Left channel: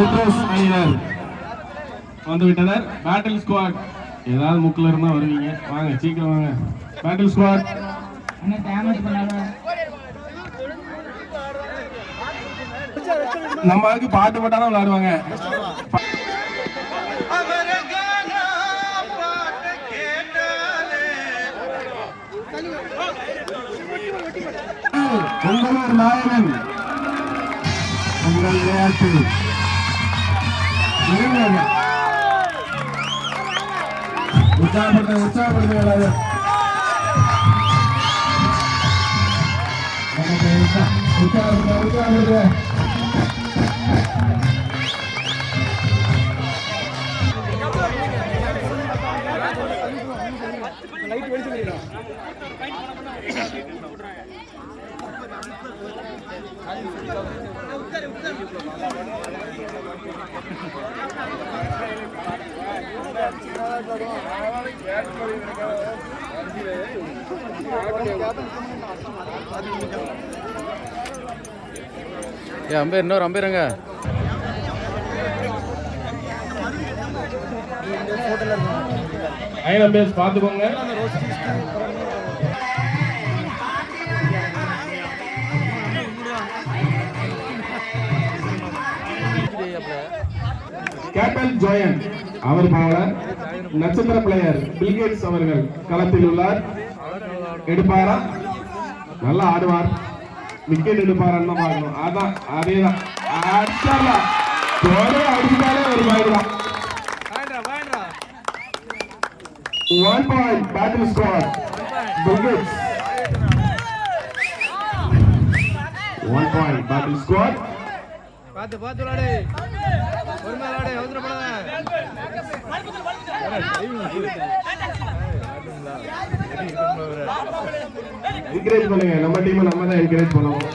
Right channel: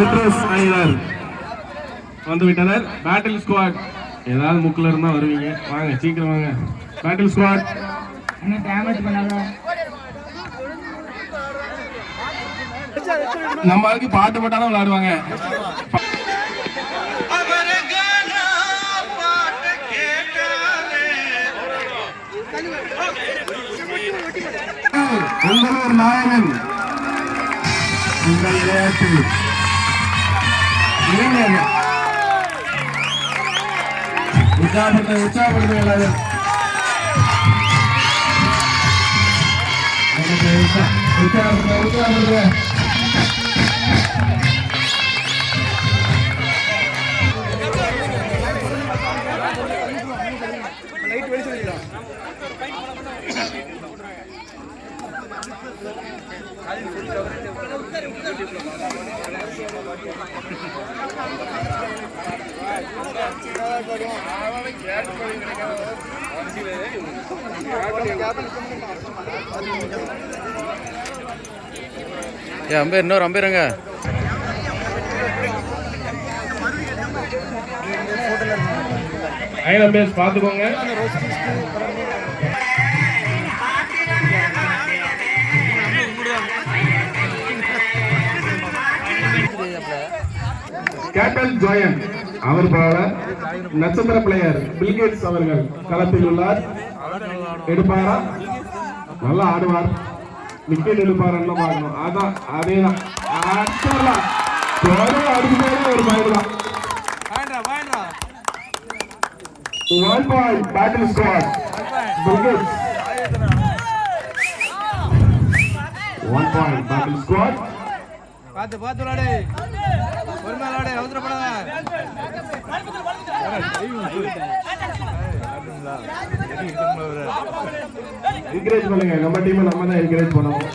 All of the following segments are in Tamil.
ரெட்ரோஸ் அணியினர் வந்துவிட்டனர். பேட்டில் ஸ்குவாட் ஏதாவது முக்கில் இருந்தா வருவீங்க, வாங்க சீக்கிரம் வாங்க. பேட்டில் ஸ்குவாட் நம்ம ஆளுக்கு பாட்டு போட்டாலும் விளையாடுவாங்க. உங்களூர் நாயகன் உங்கள் விளையாட்டு உற்சாகப்படுத்த எல்லாரும் உற்சாகப்படுத்த லைட் வெடிச்சு அம்பேர் இன்னொரு அம்பேருங்க. அம்பேர்ஸ் பார்த்துக்கோங்க. கேப்டன் ஜோயன் அவர் போல நட்சத்திர பிளேயர் பில்கேட்ஸ் அவர்கள் களத்தில் உள்ளார். எடுப்பாரா? நல்லா ஆடுவார். விக்கெட் எடுப்பார். அதான் அதேதான். அடிச்சாலே ஒரு point. 1 point battle score Bilgets. 1 point battle score. பாத்து விளையாடு. பொறுமையா விளையாடு. அவசரப்படாத. என்கரேஜ் பண்ணுங்க. நம்ம டீம் நம்ம தான் என்கரேஜ் பண்ணுவோம்.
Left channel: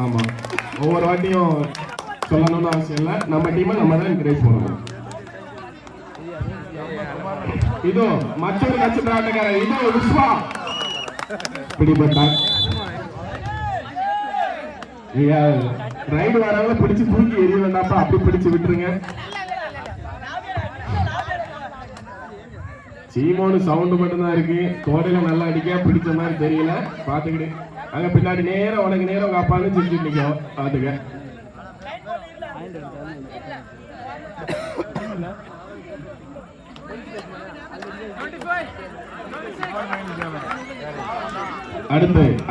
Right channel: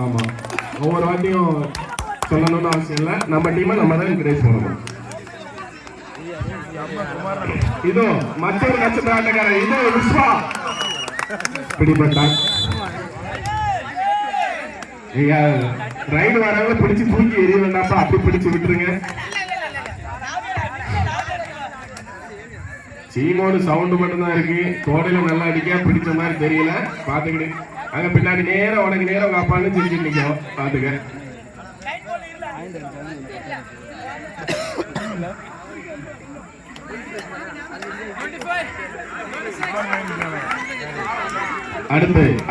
ஆமா, ஒவ்வொரு வாட்டியும் சொல்லணும்னு அவசியம் இல்லை. நம்ம டீமை நம்ம தான் என்கரேஜ் பண்ணணும். இது மற்றொரு நட்சத்திர ஆட்டக்காரர். இது விஸ்வா பிடிபட்டார். ரைடு வரவங்க பிடிச்சு தூக்கி எரிய வேண்டாப்பா, அப்படி பிடிச்சு விட்டுருங்க. சீமோடு சவுண்டு மட்டும்தான் இருக்கு. கோடையில நல்லா அடிக்க பிடிச்ச மாதிரி தெரியல. பாத்துக்கிட்டு அங்க பின்னாடி நேரம் உனக்கு நேரம் உங்க அப்பான்னு சிரிச்சு நிற்கும். பாத்துக்க.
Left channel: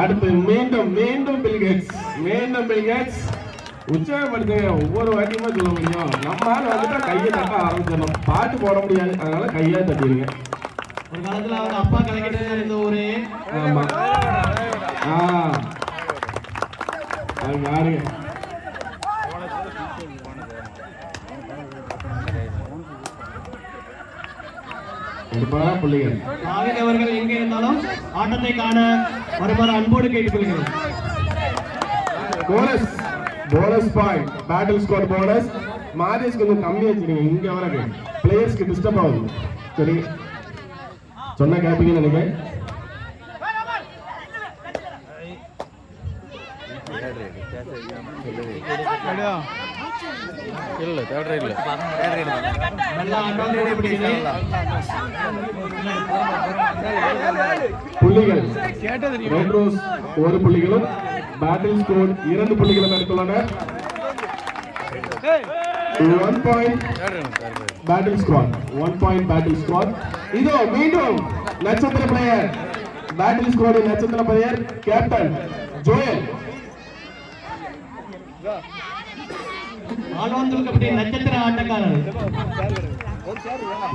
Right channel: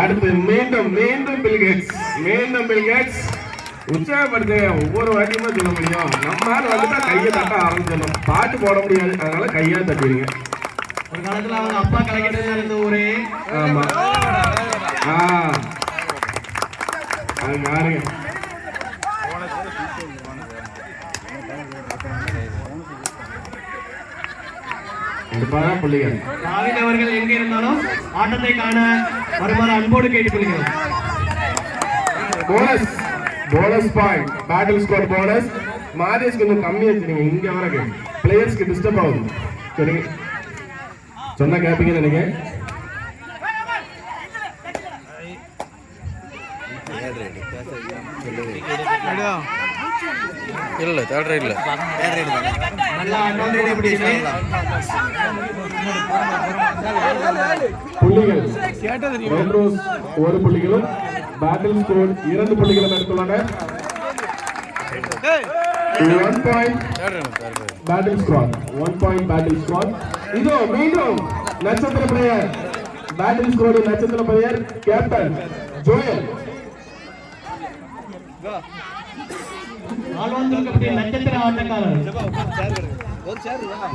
அடுத்து மீண்டும் பில்கேட்ஸ் உற்சாகப்படுத்துங்க. ஒவ்வொரு வாட்டியுமே சொல்ல முடியும். நம்மளால வந்துட்டா கையை தட்ட ஆரம்பிச்சிடணும். பாட்டு போட முடியாது, அதனால கையா தட்டிடுங்க. ஒரு காலத்துல அவங்க அப்பா கலக்கிட்டு இருந்த ஊரே. ஆமா, அது பாருங்க. புள்ளிகள் அவர்கள் எங்க இருந்தாலும் ஆட்டத்தை காண வருமாறு அன்போடு கேட்டுக்கொள்கிறேன். Bonus point battle score bonus. Madhesh கொஞ்சம் கம்மி வச்சிருங்க. இங்க வர பிளேயர்ஸ்க்கு டிஸ்டர்ப் ஆகும். சரிங்க, சொன்ன கேப்பீங்க நீங்க. இல்ல தேர்ட் ரைட்ல புள்ளிகள் ஒரு புள்ளிகளும் பேட்டில் ஸ்கோர் 2 புள்ளிகளும் எடுத்துள்ளனர். 1 point battle score. 1 point battle score. இது மீண்டும் நட்சத்திர பிளேயர் பேட்டில் ஸ்கோர் நட்சத்திர பிளேயர் கேப்டன் ஜோயல். நட்சத்திர ஆட்டக்காரர்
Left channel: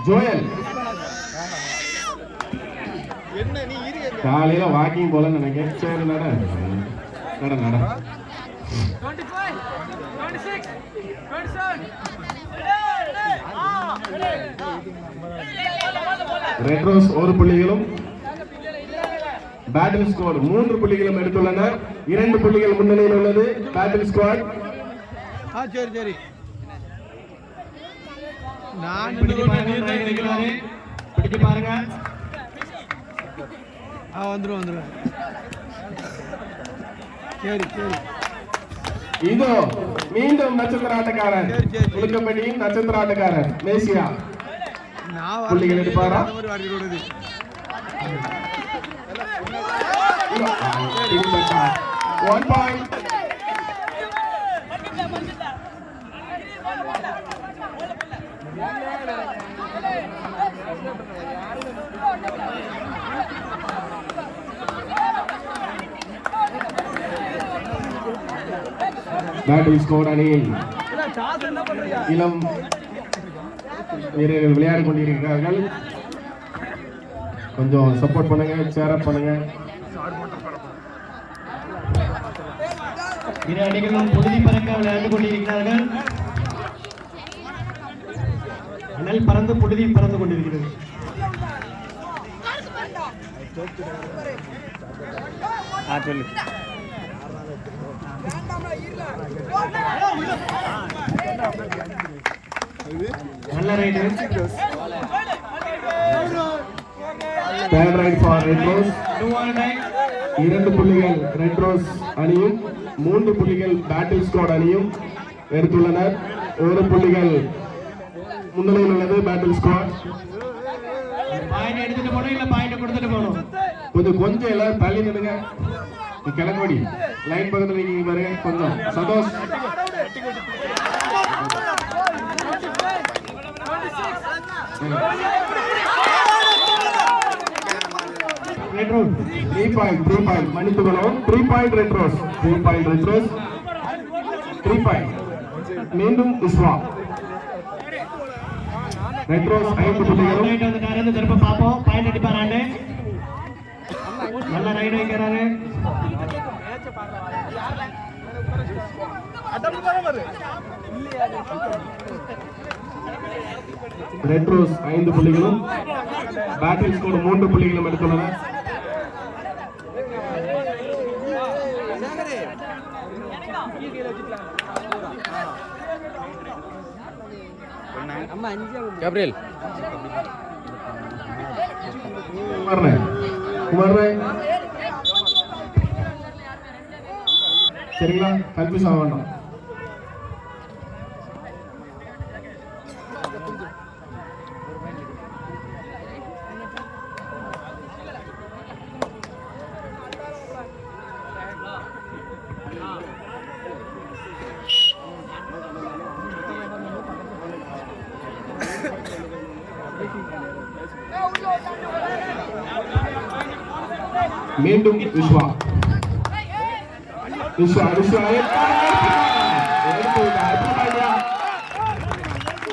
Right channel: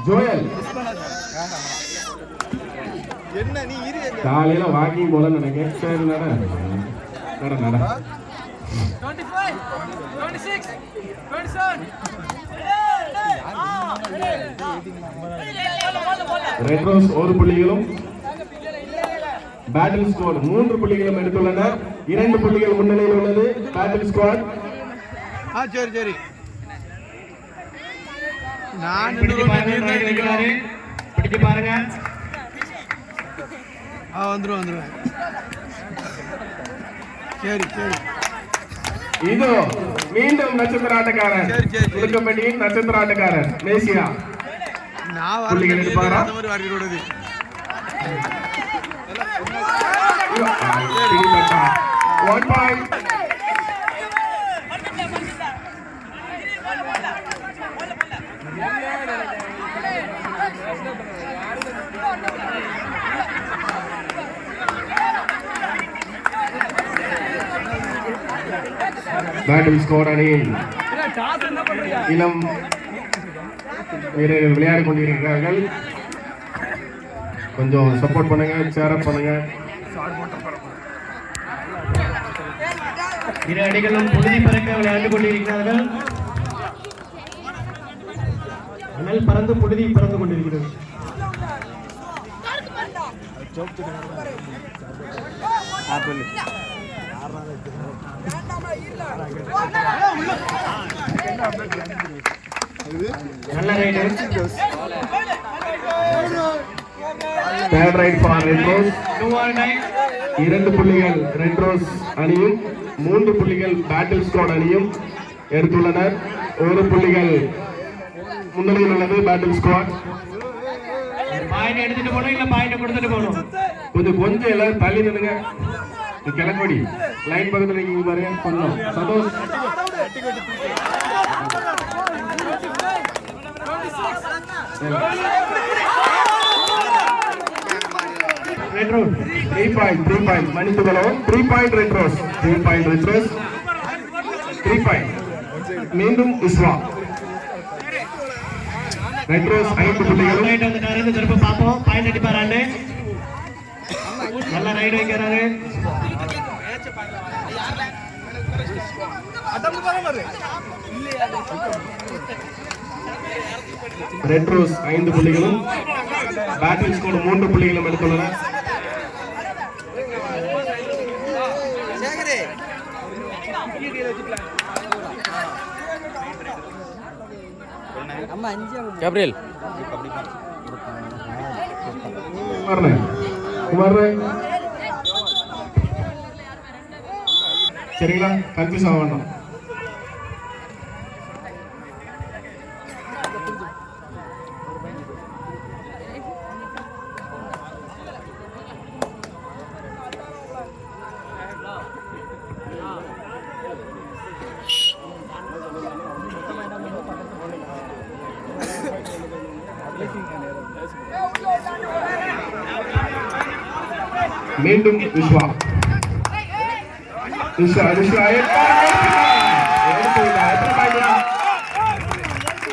ஜோயல். காலையில வாக்கிங் போல நினைக்கிறேன். சரி நட ரெட்ரோஸ் 1 புள்ளிகளும் பேட்டில் ஸ்கோர் 3 புள்ளிகளும் எடுத்துள்ளனர். 2 புள்ளிகள் முன்னிலையில் உள்ளது பேட்டில் ஸ்குவாட். சரி நான் பிடிச்சு பாருங்க. வந்துருவேன். சரி இதோ மீண்டும் நட்சத்திர ஆட்டக்காரன் புதுக்கம்பட்டியின் நட்சத்திர ஆட்டக்காரன் மேசியா புள்ளிகள் எடுப்பாரா? One point. பேட்டில் ஸ்கோர் அணியில் இளம் வீரர்கள் விளையாடி கொண்டிருக்கிறார்கள். கொஞ்சம் சப்போர்ட் பண்ணுங்க, சேரப் பண்ணுங்க. இரு அணிகளும் புழுதி பறக்க விளையாண்டு கொண்டிருக்கிறார்கள். அனல் பறந்து புழுதி பறந்து கொண்டிருக்கிறது. நல்ல raid. Third raid for red rose. 2 புள்ளிகள் ரெட் ரோஸ் அணியும் 3 புள்ளிகள் பேட்டில் ஸ்குவாட் அணியும் எடுத்துள்ளனர். 1 புள்ளிகள் முன்னிலையில் உள்ளது பேட்டில் ஸ்குவாட். பாயிண்ட் எடுத்துட்டு போகணும் இல்ல பாயிண்ட் கொடுத்துட்டு போகணும். இது கொஞ்சம் எல்லாரும் தள்ளி நின்னுங்க. கிளம்படி லைன் பக்கத்துல நீங்க பாருங்க. கொஞ்சம் சந்தோஷ் ரெட் ரோஸ் 3 பாயிண்ட் மணித்து கொள்ளவும். 3 point red rose. 3 point red rose. 3 point மீண்டும் இஸ்வா. ரெட் ரோஸ் 5 புள்ளிகள். ரைட் வந்துட்டாரு. திரும்ப பாப்போம். பாயிண்ட் அடிப்பாரான்னு. நல்ல ரைடு வைக்கிறாரு. ரெட் ரோஸ் 5 புள்ளிகளும் பேட்டில் ஸ்குவாட் 3 புள்ளிகளும் எடுத்துள்ளனர். கேப்ரியல் சரிங்களா? கன்ஃபியூஸ் ஆக வேண்டாம். மீண்டும் விஸ்வா.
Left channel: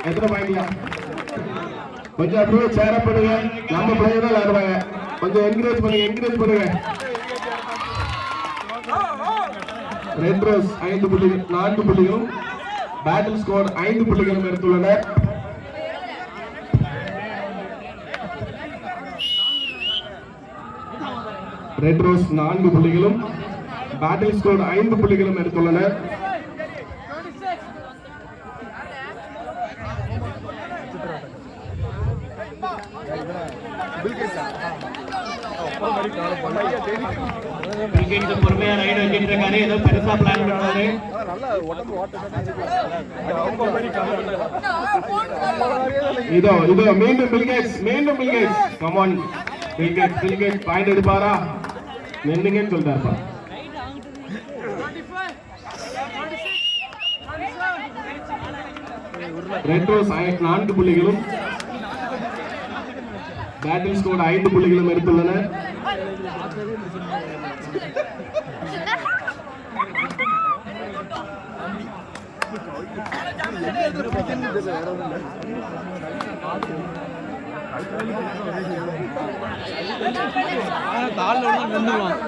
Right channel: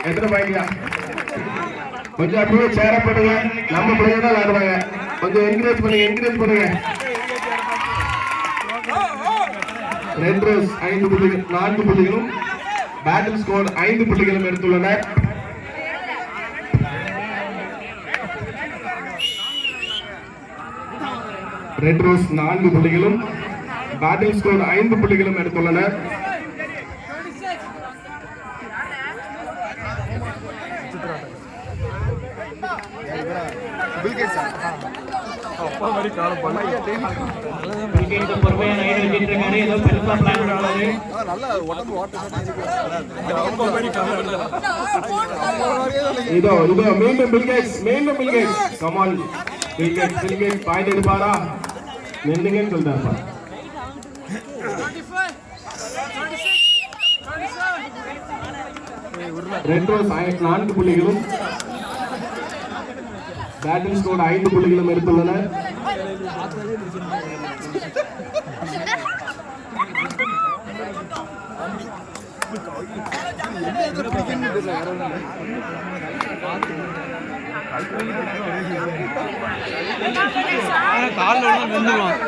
எத்தனை பாயிண்டியா? கொஞ்சம் அப்படியே சேர பண்ணுங்க. நம்ம பிள்ளைங்க தான் விளையாடுவாங்க. கொஞ்சம் என்கரேஜ் பண்ணுங்க. ரெட் ரோஸ் 5 புள்ளிகள் 4 புள்ளிகளும் பேட்டில் ஸ்குவாட் 5 புள்ளிகளும் எடுத்துள்ளனர். ரெட் ரோஸ் 4 புள்ளிகளும் பேட்டில் ஸ்குவாட் 5 புள்ளிகளும் எடுத்துள்ளனர். பொறுமையா ரைடு வச்சுட்டு இருக்காரு. ஏதோ பெருசா பிளான் பண்ணுவாரு. இதோ மீண்டும் Bill Gates come on. Bill Gates point எடுப்பாரா? நின்னுங்கன்னு சொல்றாரு. ரெட் ரோஸ் 4 புள்ளிகளும் பேட்டில் ஸ்குவாட் 5 புள்ளிகளும் எடுத்துள்ளனர். காலில் விழுந்துருவான்.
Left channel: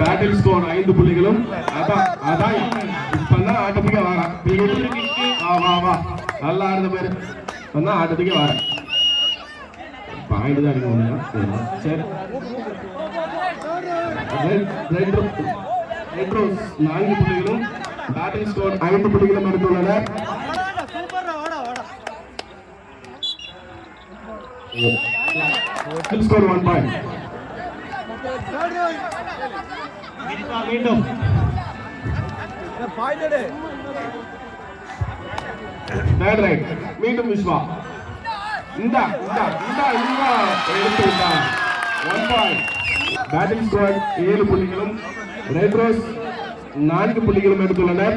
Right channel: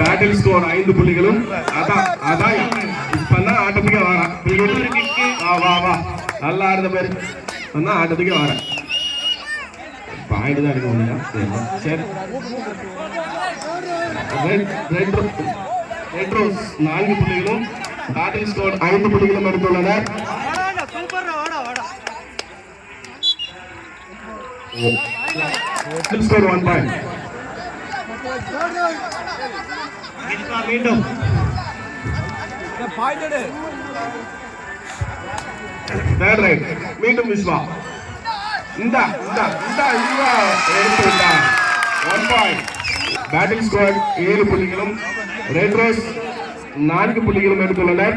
பேட்டில் ஸ்குவாட் 5 புள்ளிகளும் அதான் இப்பதான் ஆட்டத்துக்கே வரா. நல்லா ஆடுற பேரு ஆட்டத்துக்கே வர பாயிண்ட் தான் எடுக்கணும். சரி ரெட் ரோஸ் 4 புள்ளிகளும் பேட்டில் ஸ்கோர் 5 புள்ளிகளும் எடுத்துள்ளனர். Score 1 point. மீண்டும் தேர்ட் ரைட் மீண்டும் விஸ்வா இந்த எடுத்து விட்டார். 1 பாயிண்ட். பேட்டிங் ஸ்குவாட் 7 புள்ளிகளும் ரெட் ரைஸ் 4 புள்ளிகளும் எடுத்துள்ளனர்.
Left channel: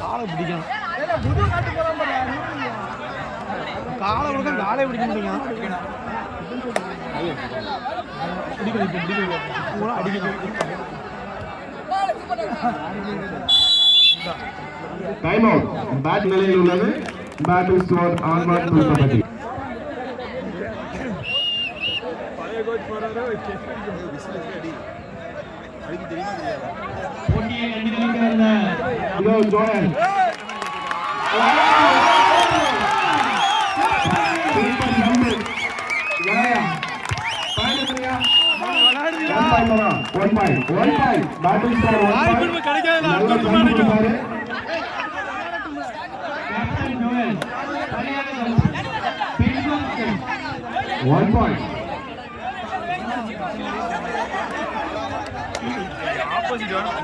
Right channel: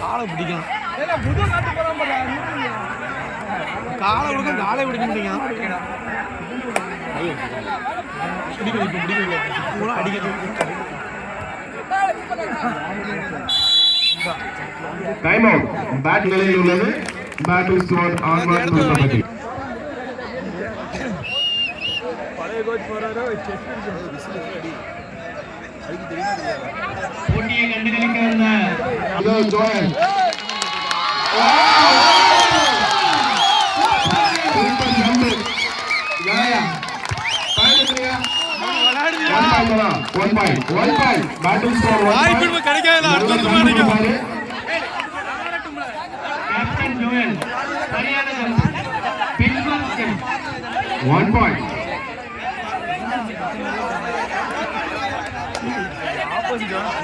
காலை பிடிக்கும் காலை கொடுக்கும் காலை பிடிக்க முடியுங்க அடிக்கணும். Time out. பேட் நிலையில் உள்ளது. Battle squad onward to kabaddi. போட்டியை கண்டுகளிக்க வந்த இதோ ஜோயல் வாய்ப்பு கிடைக்காது அடுத்த வருஷம் கிடைக்கும். கேப்டன் ஜோயல் சரியான 1 பாயிண்ட்.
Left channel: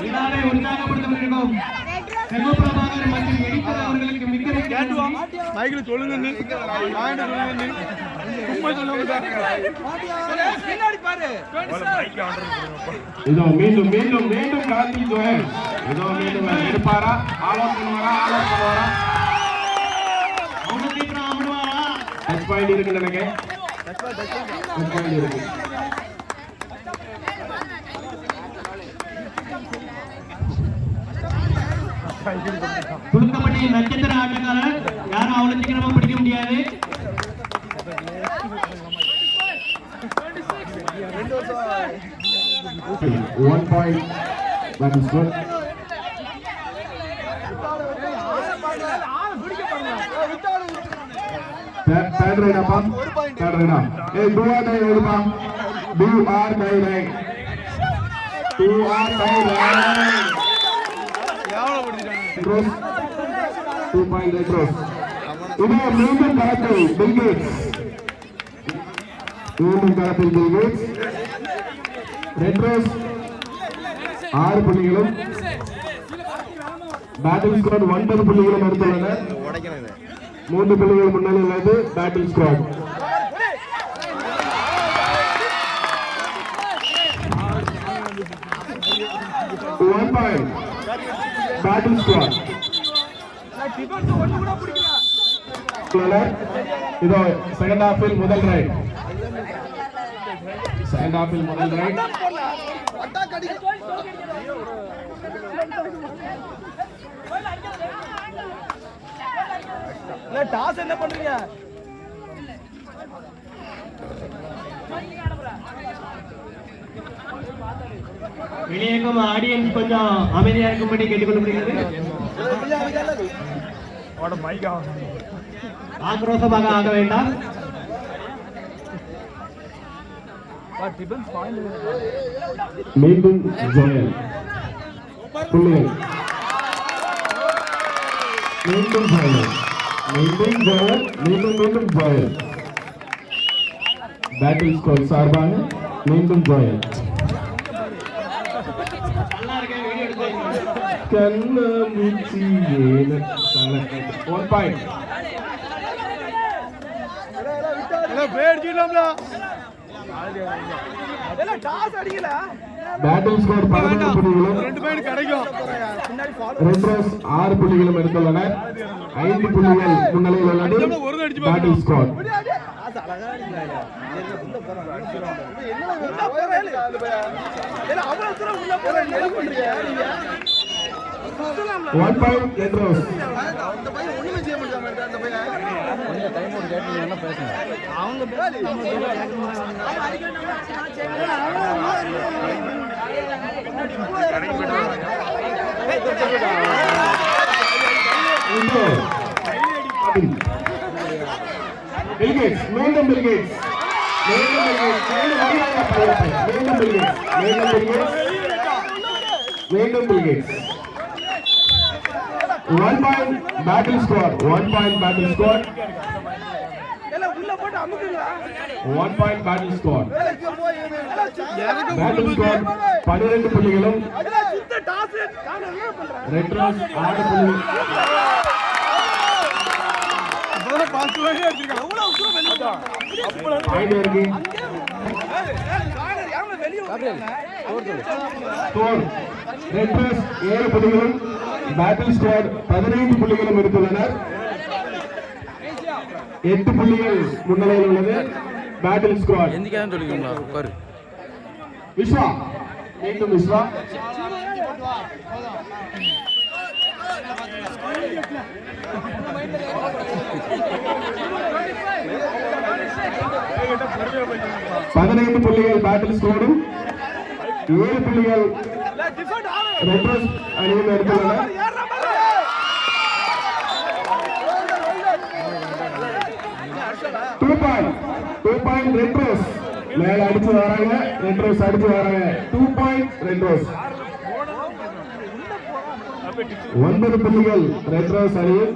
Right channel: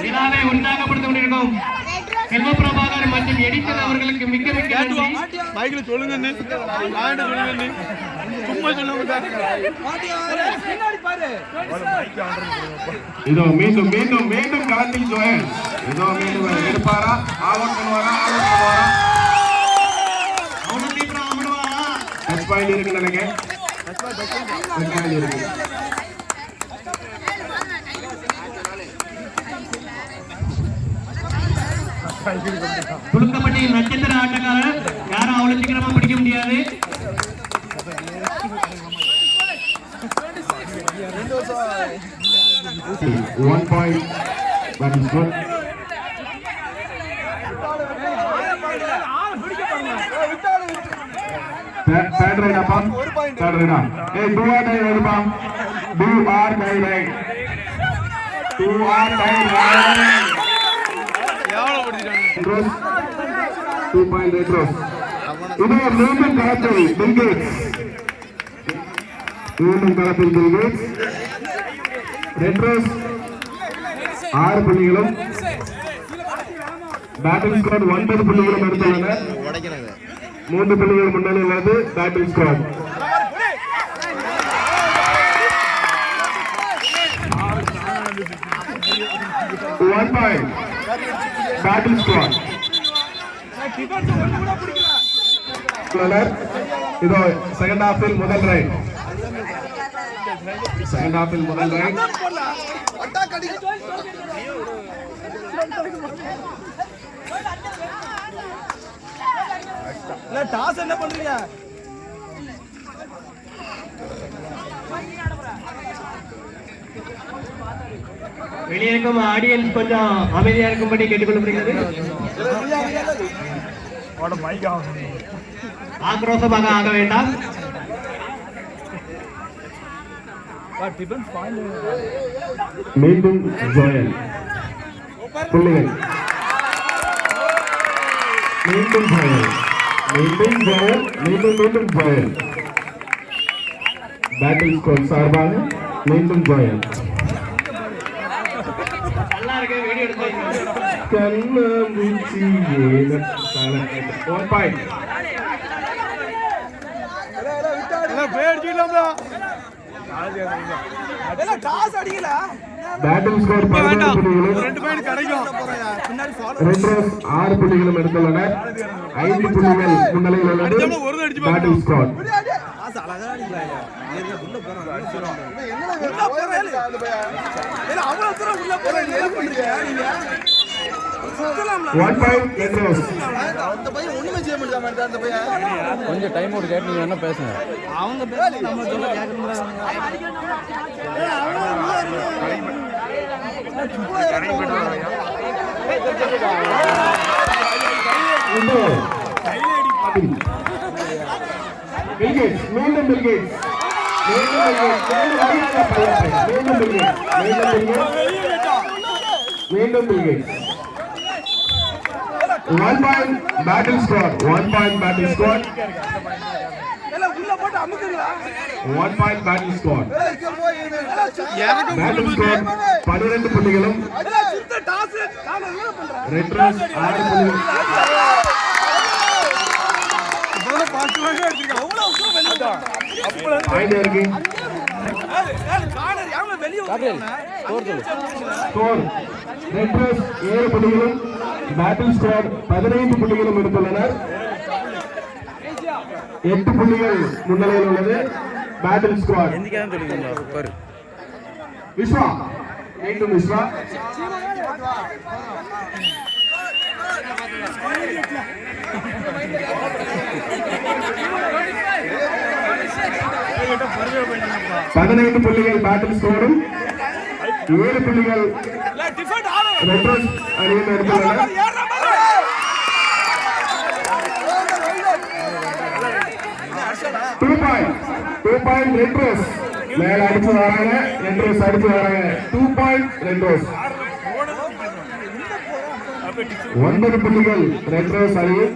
விழாவை உற்சாகப்படுத்த கொண்டிருக்கும் செல்வபிரபாகர் மற்றும் எடிட்டர் அவர்களுக்கு மிக்க மிக்க நன்றி. மைக்கில் சொல்லுங்க சொல்லுங்க சும்மா சொல்லுங்க. இதோ மீண்டும் மீண்டும் மீண்டும் கார்த்திக் ஜோயல் இதோ மீண்டும் எடுப்பாரா ஆலோசனை பண்ணுவாரா டச் பாயிண்ட் இருக்கு நினைக்கிறேன். டச் பாயிண்ட் இருக்கு. துடுக்கப்பட்டியில் நட்சத்திர ஆட்டக்காரர் யாரும் அவ்வளவு சீக்கிரமா பிடிக்க முடியாது. One point. That is good. Third right up. Third right up. Hey, do or die right up. Do or die right. Do or die right. எவ்வளோ பிடிச்சிட்டாங்க. 2 point retro. இது மீண்டும் கலப்பை பில்கேட்ஸ். மீண்டும் கலப்பை பில்கேட்ஸ். ரெட்ரோஸ் 6 புள்ளிகளும் பேட்டில் ஸ்குவாட் 9 புள்ளிகளும் எடுத்துள்ளனர். 3 புள்ளிகள் முன்னாடி உள்ளது battle squad. One point. Battle squad. இதோ செகண்ட் ஹாஃபில் முதல் ரைட். செகண்ட் ஹாஃபில் முதல் ரைட். டாஸ் என்ன பண்றீங்க? வெளியேக்கும் ஆடியன்ஸ் கொஞ்சம் அமைதியா இருக்கும்படி கேட்டுக்கொள்ளப்படுகிறது. ஆக்ரோஷமாக ஆக வேண்டாம். மீண்டும் ஜோயல் புள்ளிகள். மீண்டும் ஜோயல் மீண்டும் ஜோயல் மீண்டும் ஜோயல். பேட்டில் ஸ்கோர் சார்பாக மீண்டும் ஜோயல். நல்லா இருக்கு வீடியோ எடுத்து கண்ணாமூச்சி One point. Battle score 2 point கிடைக்கும். ரெட்ரோஸ் 6 புள்ளிகளும் எடுத்துள்ளனர். 5 புள்ளிகள் முன்னிலையில் உள்ளது பேட்டில் ஸ்கோர். One point ரெட்ரோஸ். கொஞ்சம் டைம் அவுட் கேட்டு நீங்க என்ன பேசுங்க. அவங்க நம்ம பில்கேட்ஸ் மீண்டும் பில்கேட்ஸ் மீண்டும் Bill Gates 1 point battle score 1 point battle score 1 point battle score battle score 12 புள்ளிகளும் ரெட் ரோஸ் 6 புள்ளிகள் பாயிண்ட் இருக்கு ஸ்கோர் ரெட் ரோஸ் 7 புள்ளிகளும் பேட்டில் ஸ்கோர் 15 புள்ளிகளும் எடுத்துள்ளனர் 8 புள்ளிகள் முன்னிலையில் உள்ளது பேட்டில் ஸ்குவாட் எந்திக்கான்னு சொல்லிக்கோங்களா உட்காரு விஸ்வா மீண்டும் விஸ்வா பதினைந்து புள்ளிகள் பேட்டில் ஸ்கோரும் 7 புள்ளிகள் ரெட் ரோஸ் அணியில் எடுத்துள்ளனர் 2 பாயிண்ட் ரெட் ரோஸ் மேல அடிச்சு வராங்க ரெட் ரோஸ் அடிச்சு வராங்க 2 பாயிண்ட் ரெட் ரோஸ் 9 புள்ளிகள் ரெட் ரோஸ் அணியும்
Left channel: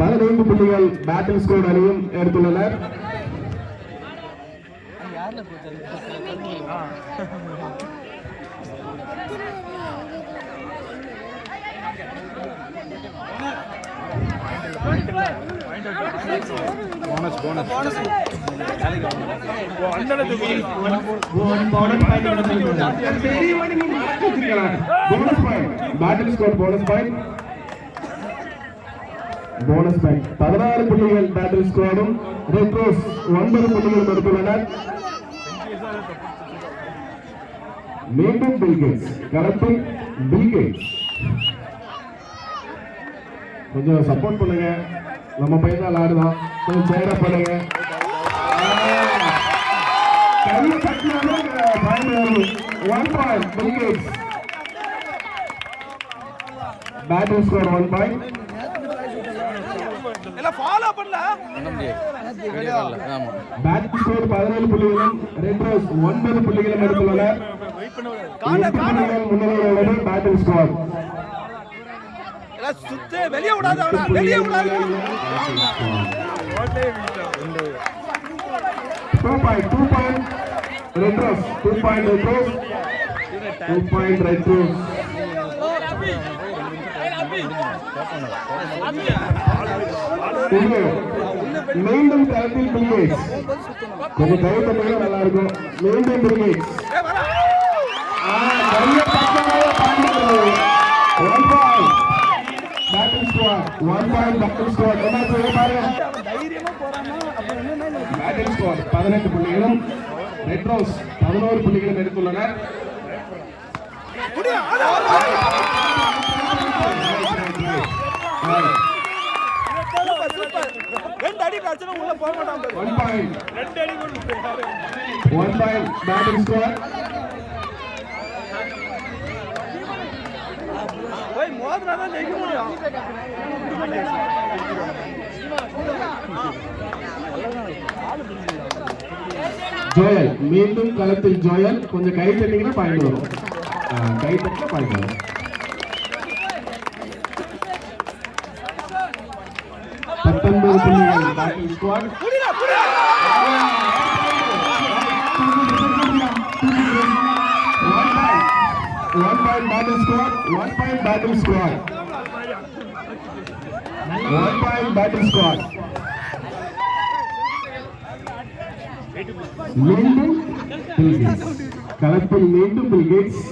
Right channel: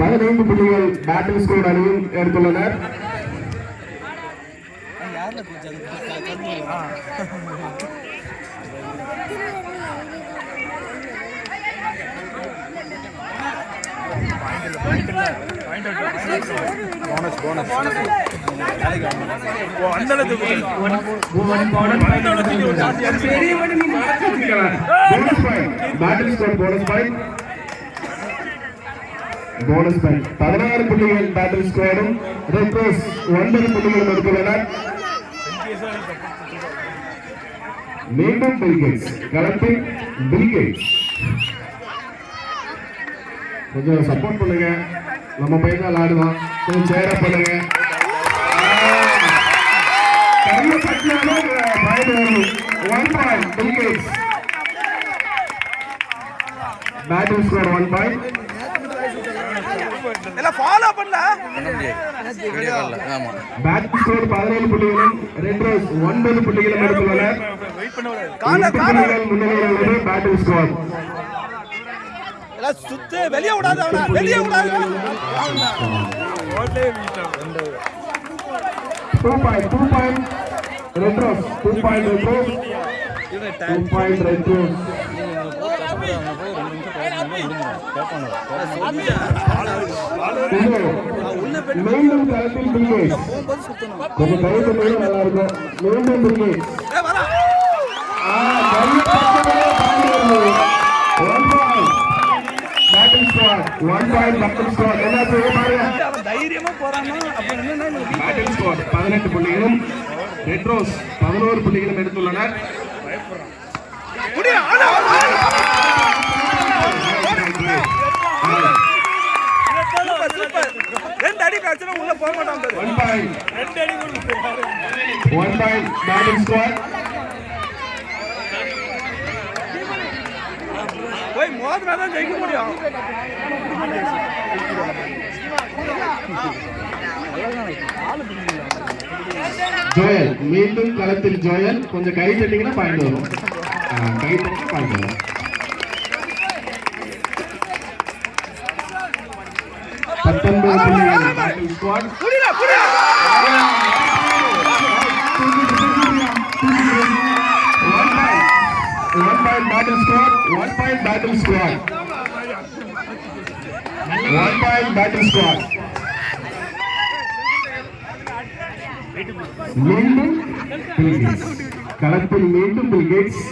15 புள்ளிகள் பேட்டில் ஸ்குவாட் அணியும் எடுத்துள்ளனர் போனஸ் போனஸ் பாயிண்ட் 16 புள்ளிகள் பேட்டில் ஸ்குவாடும் ரெட் ரோஸ் 9 புள்ளிகள் எடுத்துள்ளனர் மீண்டும் பில்கேட்ஸ் களத்தில் பில்கேட்ஸ் கொஞ்சம் சப்போர்ட் பண்ணுங்க நம்ம பையன் தான் ஆடுதான் கொஞ்சம் சேர பண்ணுங்க கையை தட்டினாலும் பாயிண்ட் வரும் 1 point Bill Gates battle squad 1 point எல்லாம் ஃபாலோ பண்ணல பண்ண முடியாது வீடியோ கால்ல ஆமா பேட்டில் ஸ்குவாட் 17 புள்ளிகளும் ரெட் ரோஸ் 9 புள்ளிகளும் எடுத்துள்ளனர் புள்ளிகள் முன்னிலையில் உள்ளது பேட்டில் ஸ்குவாட் எல்லாம் சுத்து வெளிய விடாத அவனா வெளிய விடாத 2 point red rose 2 point red rose 2 point red rose மீண்டும் களத்தில் பில்கேட்ஸ் கொஞ்சம் கை தட்டினா நல்லா இருக்கும் மீண்டும் Bill Gates battle squad 1 point battle squad என்ன செய்ய பாருங்க தைரியமா போறானா அப்ப என்னன்னா பேட்டில் ஸ்குவாட் 18 புள்ளிகளும் ரெட் ரோஸ் 11 புள்ளிகளும் எடுத்துள்ளனர் ரெண்டு அடி காட்சினா உள்ள போக மாட்டாங்க 1 பாயிண்ட் பேட்டில் ஸ்குவாட் போய் மோதினா தான் ஜெயிக்க முடியும் ஜோயல் மீண்டும் களத்தில் ஜோயல் கொஞ்சம் கை தட்டிங்கன்னா பாயிண்ட் வரும் கை தட்டினா பாயிண்ட் வரும் 19 புள்ளிகள் battle squad One point battle squad. 1 point battle squad. 1 point battle squad. மீண்டும் பில்கேட்ஸ் களத்தில் மீண்டும் பில்கேட்ஸ்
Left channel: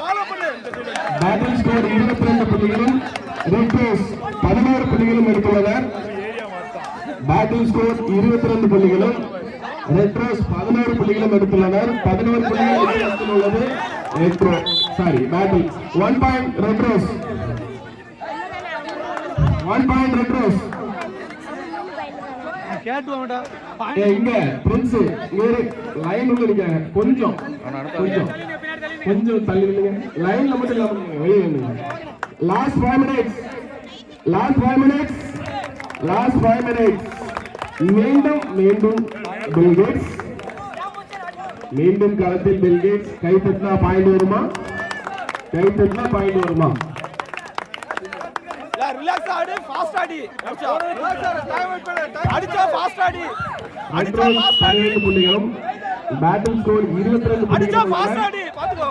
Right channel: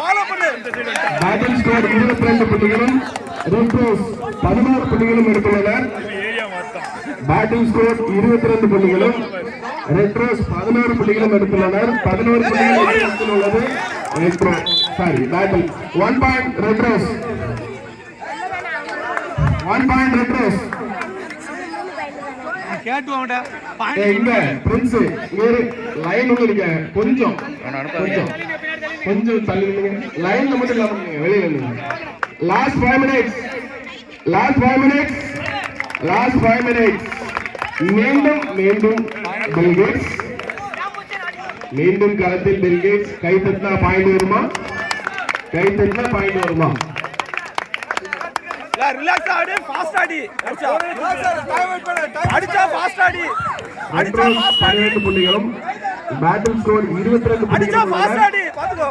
ஃபாலோ பண்ணு பேட்டில் ஸ்குவாட் 22 புள்ளிகளும் ரெட் ரோஸ் 16 புள்ளிகளும் எடுத்துள்ளனர் பேட்டில் ஸ்குவாட் 22 புள்ளிகளும் ரெட் ரோஸ் 11 புள்ளிகளும் எடுத்துள்ளனர் 11 புள்ளிகள் எடுத்துள்ளது red rose sorry battle 1 point red rose 1 point red rose கேட்டு வாங்கடா இங்க பிரின்ஸ் லைன் உள்ள இருக்க கொஞ்சம் அவனை அனுப்பாதீங்க. கொஞ்சம் தள்ளி நில்லுங்க. லைன்ல மட்டும் இல்லாம நில்லுங்க, வெளியில நில்லுங்க. Last 5 minutes. மீண்டும் பில் கேட்ஸ். மீண்டும் களத்தில் பில் கேட்ஸ். கை தட்டினா பாயிண்ட் வருமா? ரிலாக்ஸ் ஆடு, ஃபாஸ்ட் ஆடி. அடிச்சா ஃபாஸ்ட் ஆடி. அடிச்சா 12 புள்ளிகளும் பேட்டில் ஸ்கோர் 22 அடிச்சா புள்ளிகளும். ஃபாஸ்ட் ஆடி. பாத்துக்கோ.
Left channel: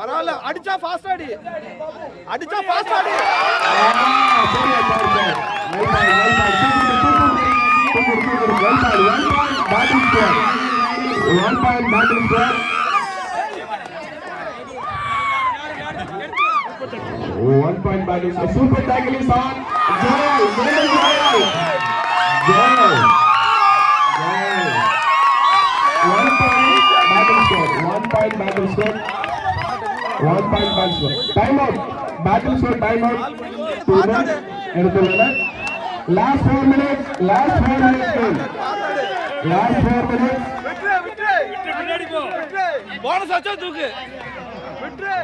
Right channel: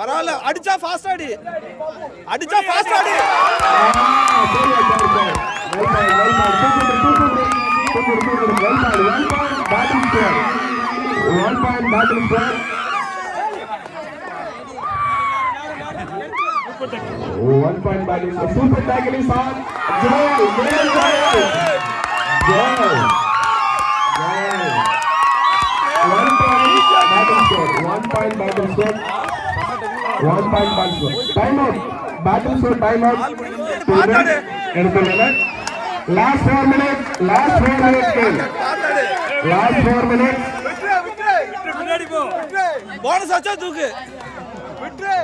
பரவாயில்ல, அடிச்சா fast Aadi. One point battle squad. Super tackle is on. Joe. One point battle squad. Time out. Battle squad time out. Last 4 minutes. Game. Last 4 minutes. Bonus ஆச்சா தூக்கு.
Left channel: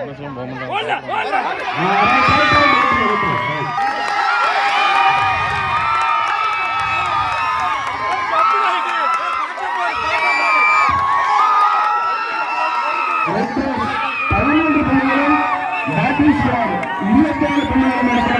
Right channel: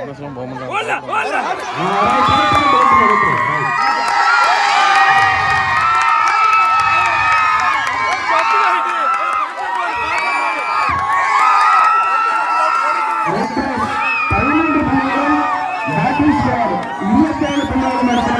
போனஸ்லாம் போக மாட்டாங்க. பேட்டில் ஸ்குவாட் 27 புள்ளிகள்